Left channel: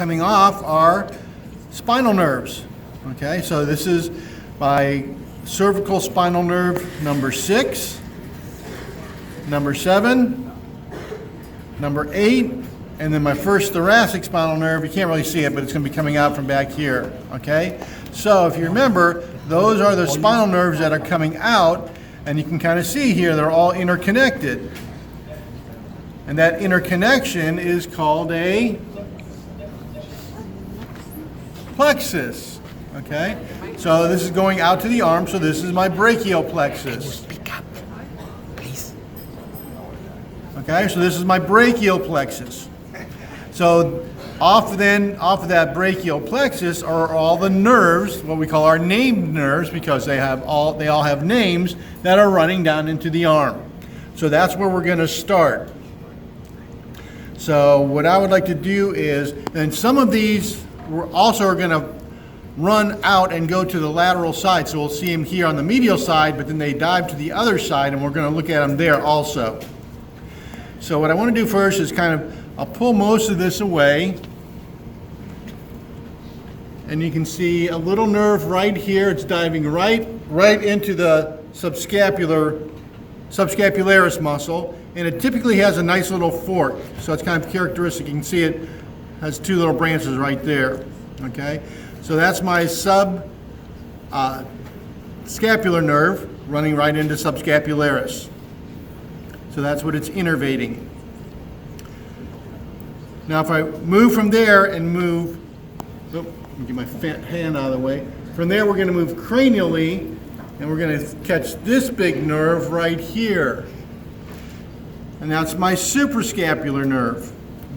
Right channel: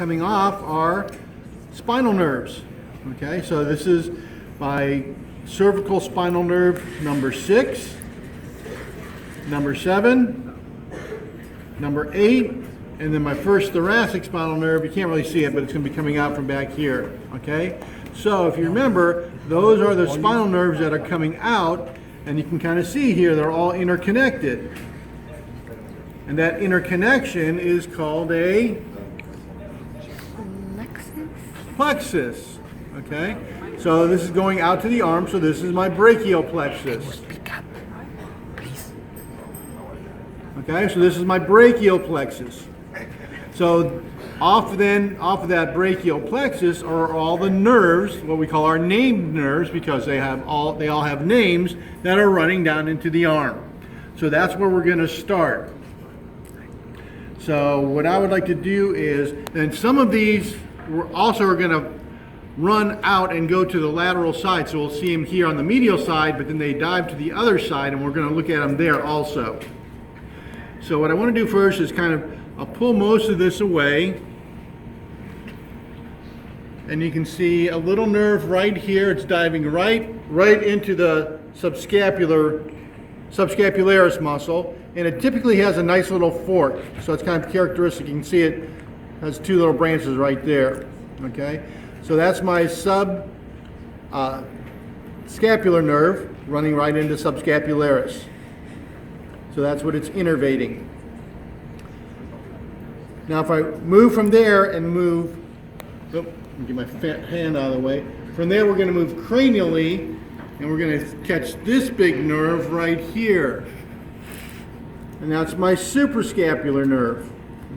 coming off are spinal nerves. Okay, so this is my cervical spinal nerve number 6, number 7, number 8, and then my first thoracic spinal nerve. You can't really see it, but it's going to be coming out from back here. Okay, so if you remember, those are the spinal nerves that are coming out, and you can kind of see here they're all interconnected. And that interconnection is called a plexus. Okay, so this is going out to the arm, so this is my brachial plexus. Speak up, please. Okay, so this is my brachial plexus. So off of that brachial plexus are all the nerves, what we call our named nerves, because they all have names that are running down into the arm. So that's where we're going to start. So what I would like to do is, and some of these we're also going to run out and go to the lateral side. So we'll see them here on the medial side, but then they dive to the other side, and we're going to look at them there also. So what I want to do first is I'll pull most of this away. And you can see a little nerve right here. It's diving right into the subscapularis muscle. And it typically has a nice little fork. So it's kind of characteristic. You can see it has 2 little branches right there. Okay? So that's my scapular nerve running right into subscapularis. So that's what it's innervating. Now if I move from there and move, let me get my hand out of the way. From there we're going to move cranially, and we're going to catch this big nerve right here. And that's my suprascapular nerve.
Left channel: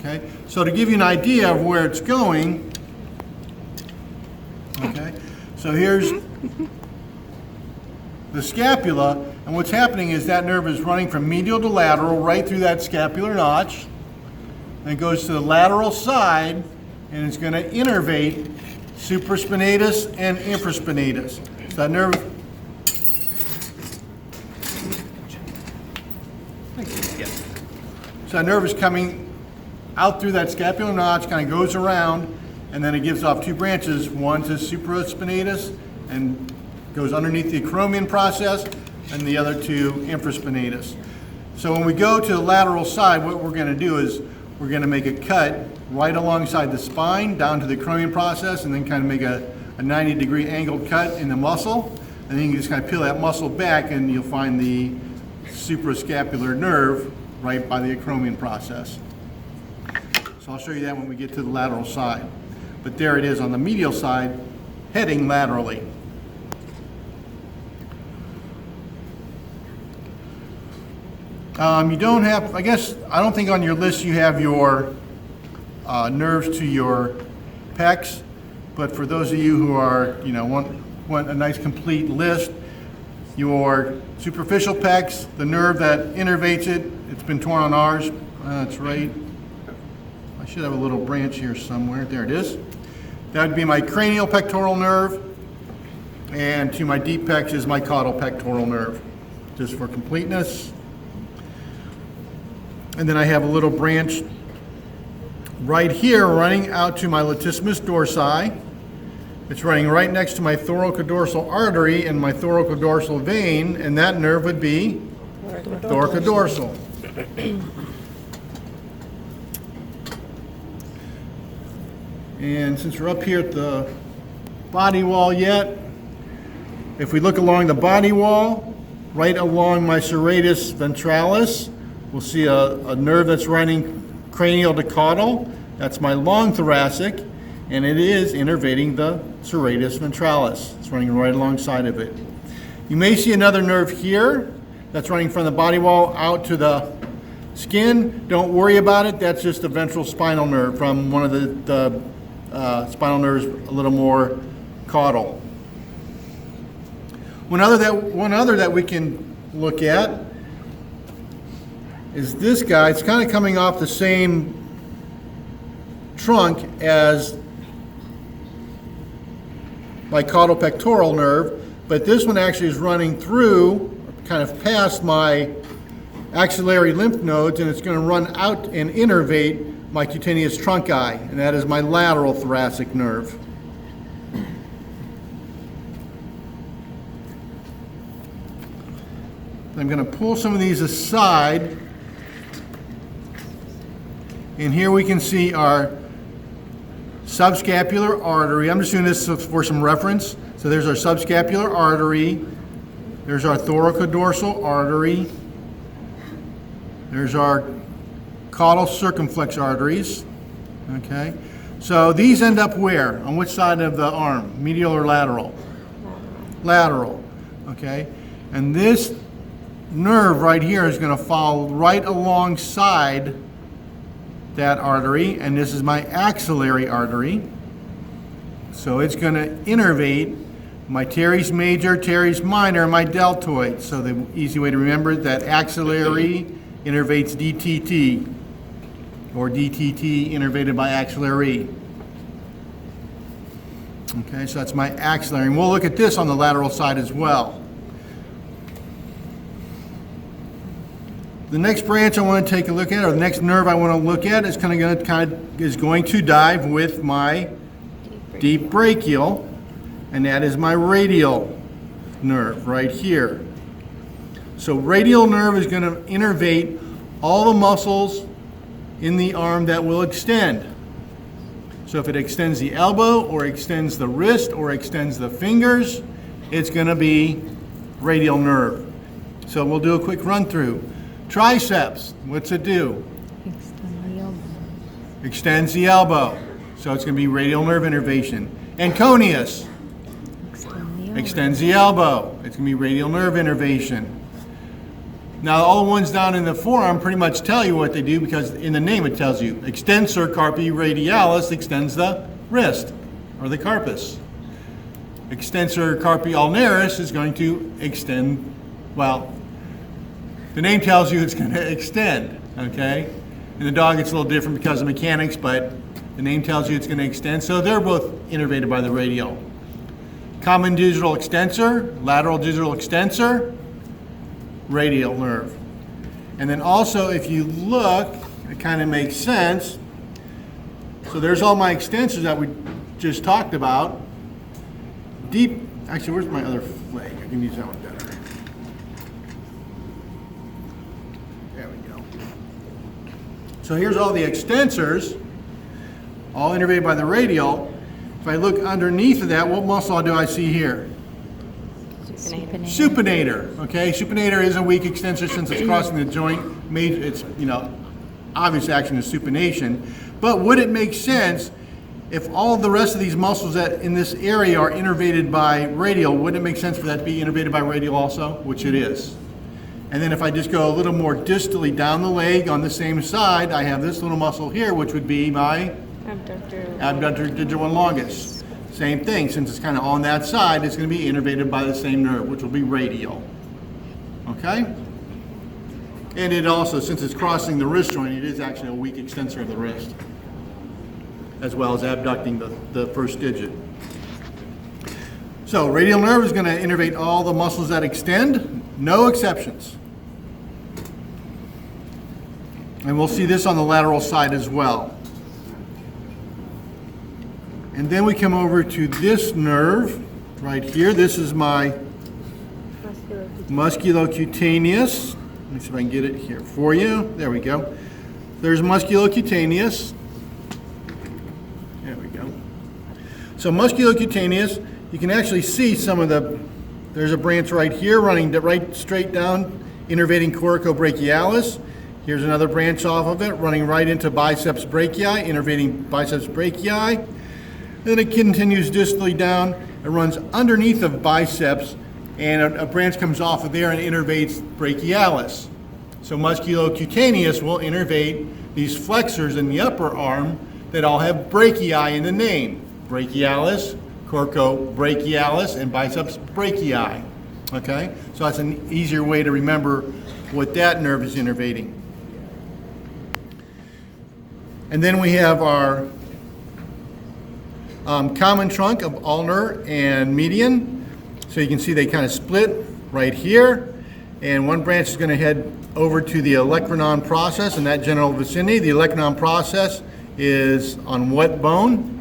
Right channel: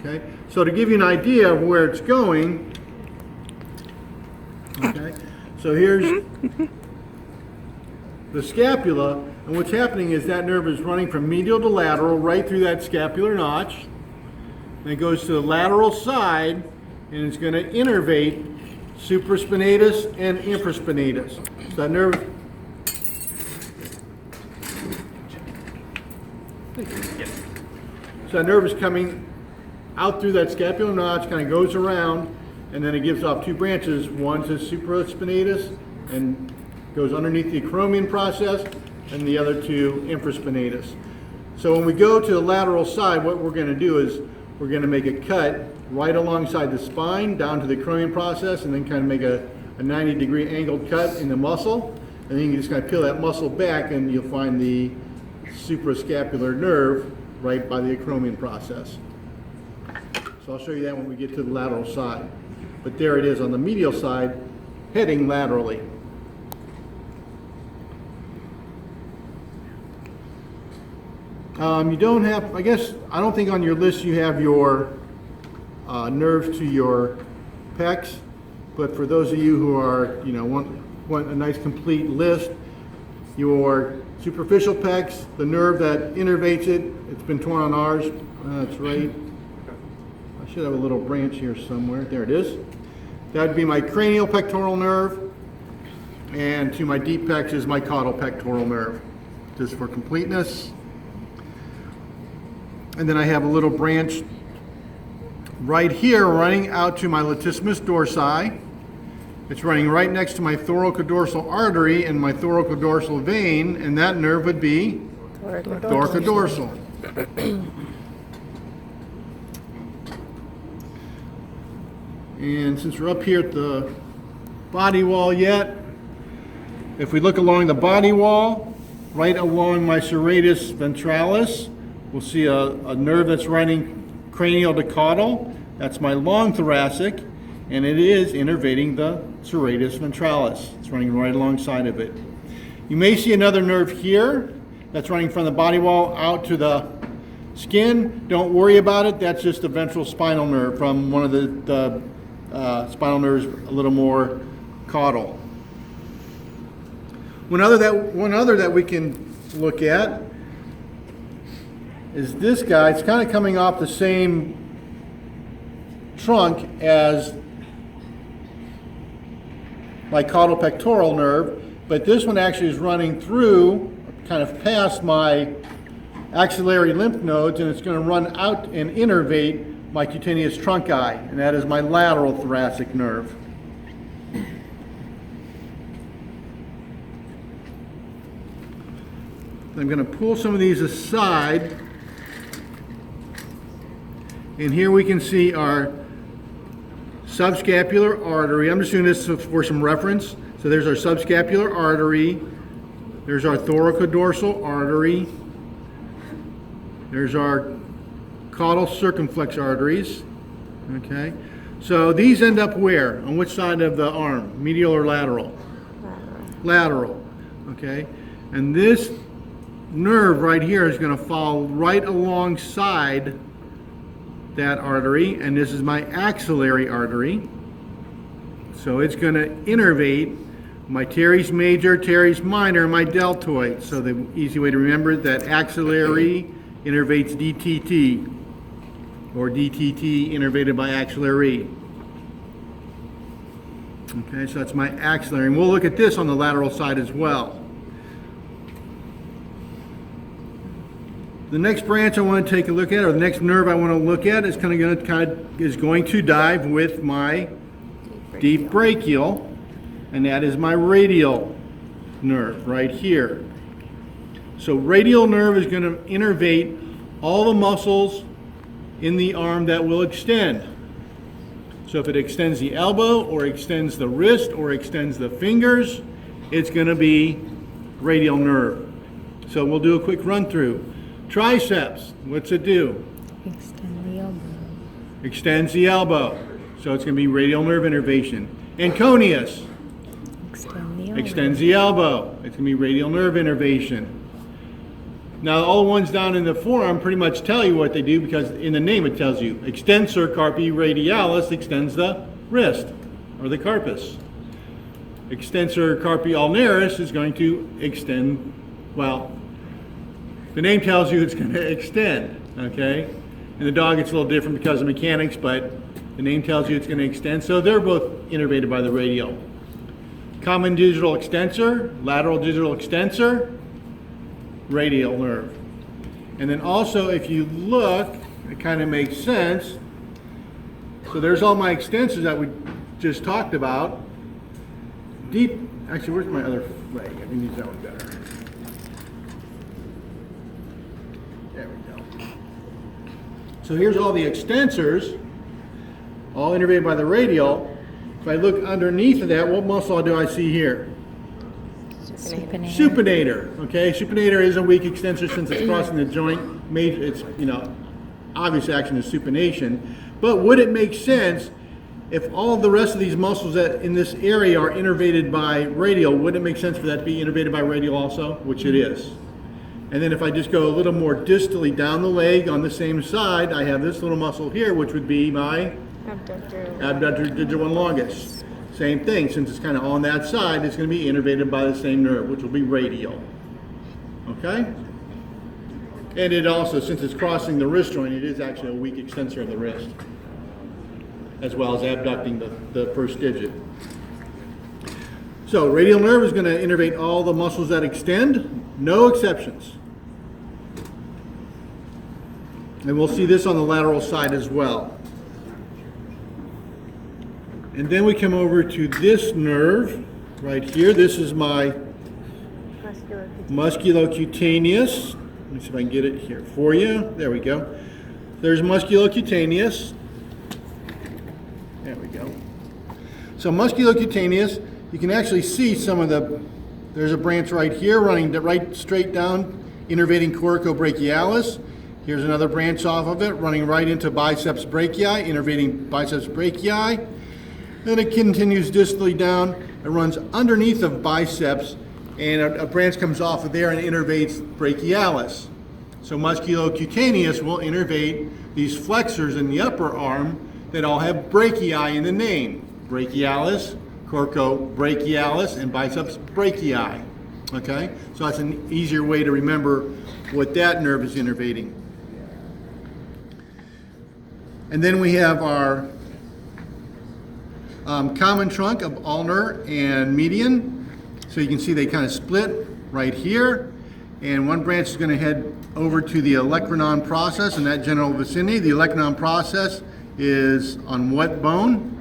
Okay? So to give you an idea of where it's going, okay, so here's the scapula, and what's happening is that nerve is running from medial to lateral right through that scapular notch, and it goes to the lateral side, and it's going to innervate supraspinatus and infraspinatus. So that nerve, is coming out through that scapular notch, kind of goes around, and then it gives off 2 branches, one to supraspinatus and goes underneath the acromion process, and the other to infraspinatus. So when we go to the lateral side, what we're going to do is we're going to make a cut right alongside the spine down to the acromion process, and then kind of make a 90-degree angled cut in the muscle, and then you can just kind of peel that muscle back, and you'll find the suprascapular nerve right by the acromion process. So I'll show you that when we get to the lateral side. But there it is on the medial side, heading laterally. You don't have, I don't think on your list you have your nerves to your pecs, but for those of you who are, want a nice complete list, your superficial pecs, the nerve that innervates it, it's been torn on ours, that's right. I should have a little branch here somewhere, there it is. That would be my cranial pectoral nerve, and to my deep pecs is my caudal pectoral nerve, just for completeness. And then I have a little branch right here running out to my latissimus dorsi. It's running right next to my thoracodorsal artery and my thoracodorsal vein, and that nerve would be thoracodorsal. And since we're up here at the body wall yet, if we look along the body wall, right along my serratus ventralis, we'll see a nerve that's running cranial to caudal. That's my long thoracic, and it is innervating the serratus ventralis. It's running right alongside of it. You may see another nerve here that's running from the body wall out to the skin. Don't worry about it. That's just the ventral spinal nerve from one of the spinal nerves a little more caudal. One other that we can look at is this guy. It's kind of coming off the same trunk as my caudal pectoral nerve, but this one actually is running through, kind of past my axillary lymph nodes, and it's going to run out and innervate my cutaneous trunci, and that is my lateral thoracic nerve. I'm going to pull some of these aside, and here we can see our subscapular artery. I'm just doing this for some reference. So there's our subscapular artery, there's our thoracodorsal artery, there's our caudal circumflex arteries. Okay, so these end up where? On which side of the arm? Medial or lateral? Lateral. Okay, and this nerve right here is going to follow right alongside that artery, and this is my axillary artery. So it's going to innervate my teres major, teres minor, and my deltoid. So the easy way to remember it, that axillary innervates DTT, or DTT innervated by axillary. Okay, so that's my axillary. And we'll look at this on the lateral side as well. The next branch I want to take a look at, or the next nerve I want to look at, is going to dive with my deep brachial, and that is my radial nerve right here. So radial nerve is going to innervate all the muscles in the arm that will extend. So if it extends the elbow, or extends the wrist, or extends the fingers, it's going to be radial nerve. So we'll do a quick run through. Triceps, what's it do? Extend the elbow. Extends the elbow. So it's going to be radial nerve innervation. Anconeus, Extend the elbow. extends the elbow. It's going to be radial nerve innervation. Now all the ones down in the forearm pretty much tell you what they do, because in the name it tells you. Extensor carpi radialis extends the wrist, or the carpus. Extensor carpi ulnaris is going to extend, well, the name tells you it's going to extend, okay? In the dog it's a little different because of mechanics, but the name tells you it's going to extend. So they're both innervated by the radial. Common digital extensor, lateral digital extensor, radial nerve. And then also, if you look, it kind of makes sense. So there's all my extensors that we just talked about. Deep, actually, where's my other leg? I can use that one better. There we go. So here's all the extensors, all innervated by the radial. If I look underneath of that, what muscle do I see here? Supinator. Supinator. Okay, supinator is a weak extensor since it's crossing the joint. It's, obvious action is supination. But would it make sense if all of the rest of these muscles that in this area are innervated by radial, wouldn't it make sense for that to be innervated by radial also? Which it is. And then if I just go a little more distally down the leg on the same side, I have this little muscle here, which would be my abductor digital longus. Same thing, since it's kind of on that side, it's going to be innervated by the same nerve, which will be radial. Okay? And it also, since it's crossing the wrist joint, it is actually a weak extensor of the wrist, as well as abducting the first digit. So radial nerve is going to innervate all the muscles that extend, no exceptions. And we'll see this on the lateral side as well. And then we come over to this nerve right here. This is my musculocutaneous. Let me see if I can get it here for you. There we go. There's musculocutaneous. There we go. So musculocutaneous, you can actually see some of there's a branch right here running right straight down, innervating coracobrachialis. Here's another branch off of it, running right into biceps brachii, innervating biceps brachii. Then it continues distally down. It runs underneath of biceps, and a branch comes off of there and innervates brachialis. So musculocutaneous will innervate these flexors in the upper arm that all have brachii in the name. Brachialis, coracobrachialis, and biceps brachii. Okay? So that's an easier way to remember what that nerve is innervating. And then we have our common trunk of ulnar and median. So you can see they kind of split right here. and one branch is going to head over to the olecranon process in that general vicinity. The olecranon process is on what bone?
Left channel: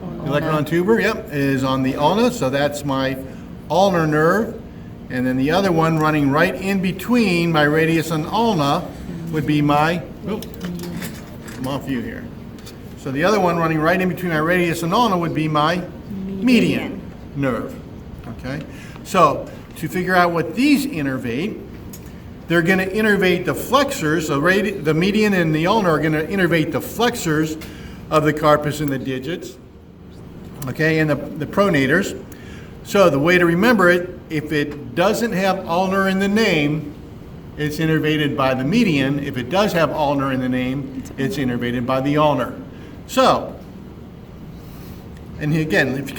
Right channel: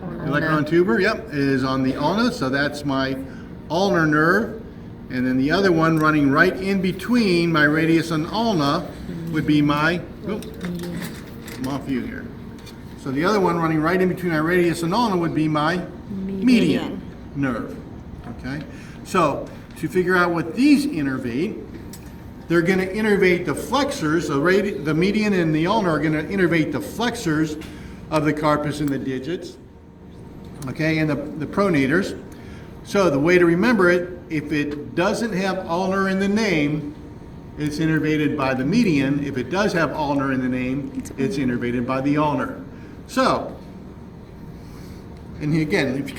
Olecranon tuber, yep, is on the ulna, so that's my ulnar nerve. And then the other one running right in between my radius and ulna would be my, I'm off view here. So the other one running right in between my radius and ulna would be my median nerve, okay? So to figure out what these innervate, they're going to innervate the flexors, the median and the ulnar are going to innervate the flexors of the carpus and the digits, okay, and the pronators. So the way to remember it, if it doesn't have ulnar in the name, it's innervated by the median. If it does have ulnar in the name, it's innervated by the ulnar. So, and again, if you